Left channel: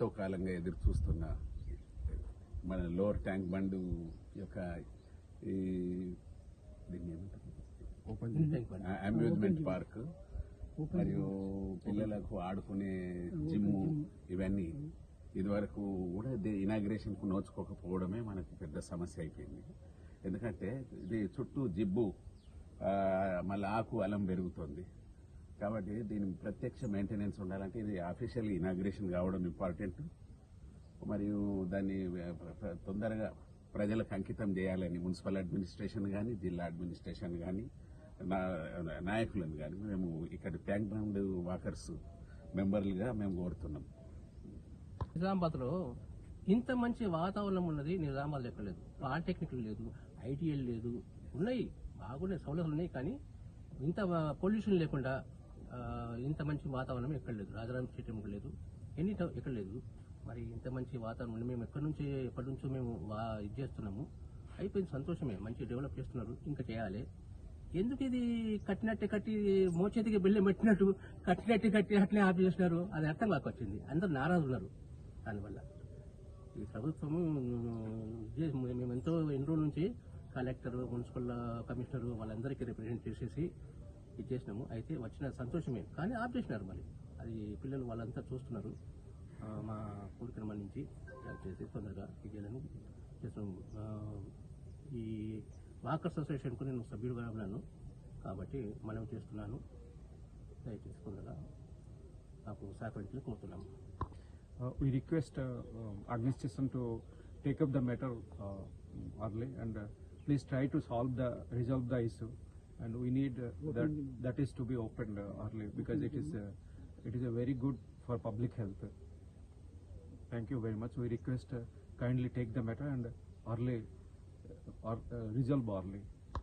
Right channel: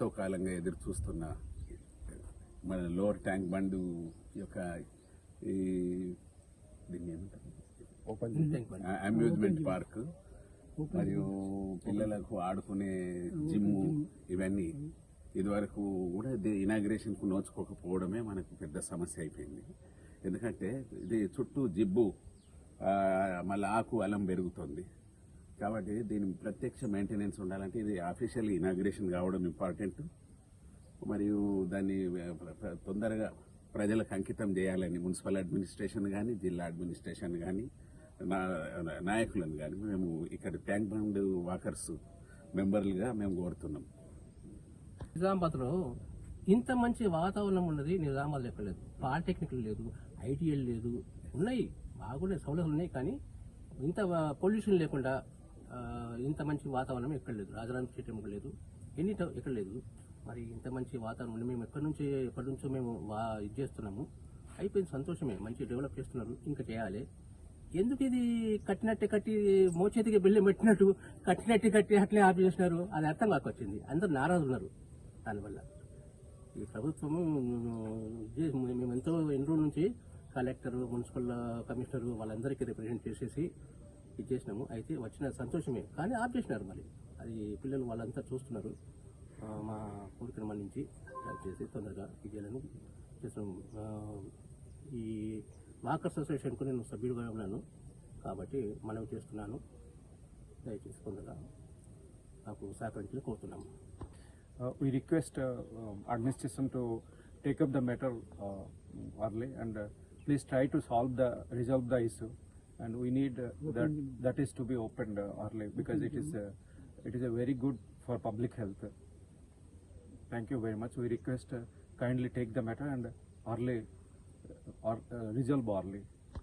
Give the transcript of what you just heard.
ఎంతో కాలంగా ఎదురు చూస్తున్న మన లోవర్ ట్యాంక్ బండ్ యొక్క ఈ దీన్ని ఏమంటారు? ఓపెన్ అమ్యూజ్మెంట్ పార్క్ మరియు పిల్లలకు ఆడుకునే జిమ్ ఇవన్నీ. ఇదివరకు కూడా ఇనాగ్రేషన్కు నోచుకోకపోవడమే మనకు పెద్ద సమస్య అయిపోయింది. ఎందుకంటే ఇది చుట్టూ జిబ్బు మళ్ళీ ఆకు అలం పెరుగుతుంది. కాబట్టి దీని ప్రత్యక్ష మెయింటెనెన్స్ ఉండాలంటే ఇది అఫీషియల్ ఇనాగ్రేషన్ కావడం ఇంపార్టెంట్ మరియు దాన్ని తొందరగా ప్రజలకు అంకితం చేయాలని మున్సిపల్ అడ్మినిస్ట్రేషన్ కానీ జిల్లా అడ్మినిస్ట్రేషన్ కానీ నాయకులను కానీ మేము ఇక్కడ ట్యాంక్ బండ్ వాకర్స్ మెంబర్లుగా మేము కోరుతున్నాం. నిజామాబాద్లో ఇంత మంచి వాతావరణం ఉన్నది నిజామాబాద్ ఎక్కడ లేదు పాలిటెక్నిక్ లేదు ఐటీఎల్ లేదు ఉన్నాయి బాగున్నాయి సౌలభ్యం ఉన్నాయి కానీ ఇంత పొల్యూషన్ లేకుండా ఇంత మంచి వాతావరణం ఎక్కడ లేదు. రాజరామ స్టేడియం లేదు. ఎన్ని ఎక్కడ లేదు. మరి ఇంత మంచి వాతావరణం మేము ఎక్కడి నుంచి ఎప్పటి నుంచో మేము ఇది చేస్తున్నాము. అయిపోయింది సంతోషమే. మంచి డెవలప్ చేస్తున్నాము. ఇంకా చేయాలి. ఎందుకు ఇది కట్టినట్టు కట్టి మోచేతికి బిల్లు పెట్టినట్టు కట్టినట్టు కట్టి అట్లే ఆపి చేసినారు అది అర్థం కాక వచ్చింది అందరూ నారాజు ఉన్నారు దానివల్ల. ఈ ప్రభుత్వము మేము ఎంతో ఎన్ని రోజుల నుంచి కలెక్టర్ మున్సిపల్ కమిషనర్ వాళ్ళందరికీ రిప్రజెంట్ చేసేసి ఇది చేసినాము. అయితే వచ్చిన సంతోషమే. కానీ ఆపేసినారు మరి. అది పిల్లలు వాళ్ళంతా చూస్తున్నారు. మా కొడుకుని మన్నించి చేసి తొందరగా ఇదేలని చేస్తున్నాము. ఈ వాకర్స్ అసోసియేషన్కు నేను సభ్యుడిగా ఉన్నాను. కాబట్టి మనవి చేస్తున్నాను. దయచేసి తొందరగా నాకు సహకరించాలని కోరుతున్నాము. Uh, request administration to take up the matter take and please try to solve the resolve the issue to solve the resolve the issue and we need uh, that that is to be opened uh, early because it is uh, it is a very good for public health. Thank you very much. We request uh, kindly take the matter and early uh, or uh, resolve early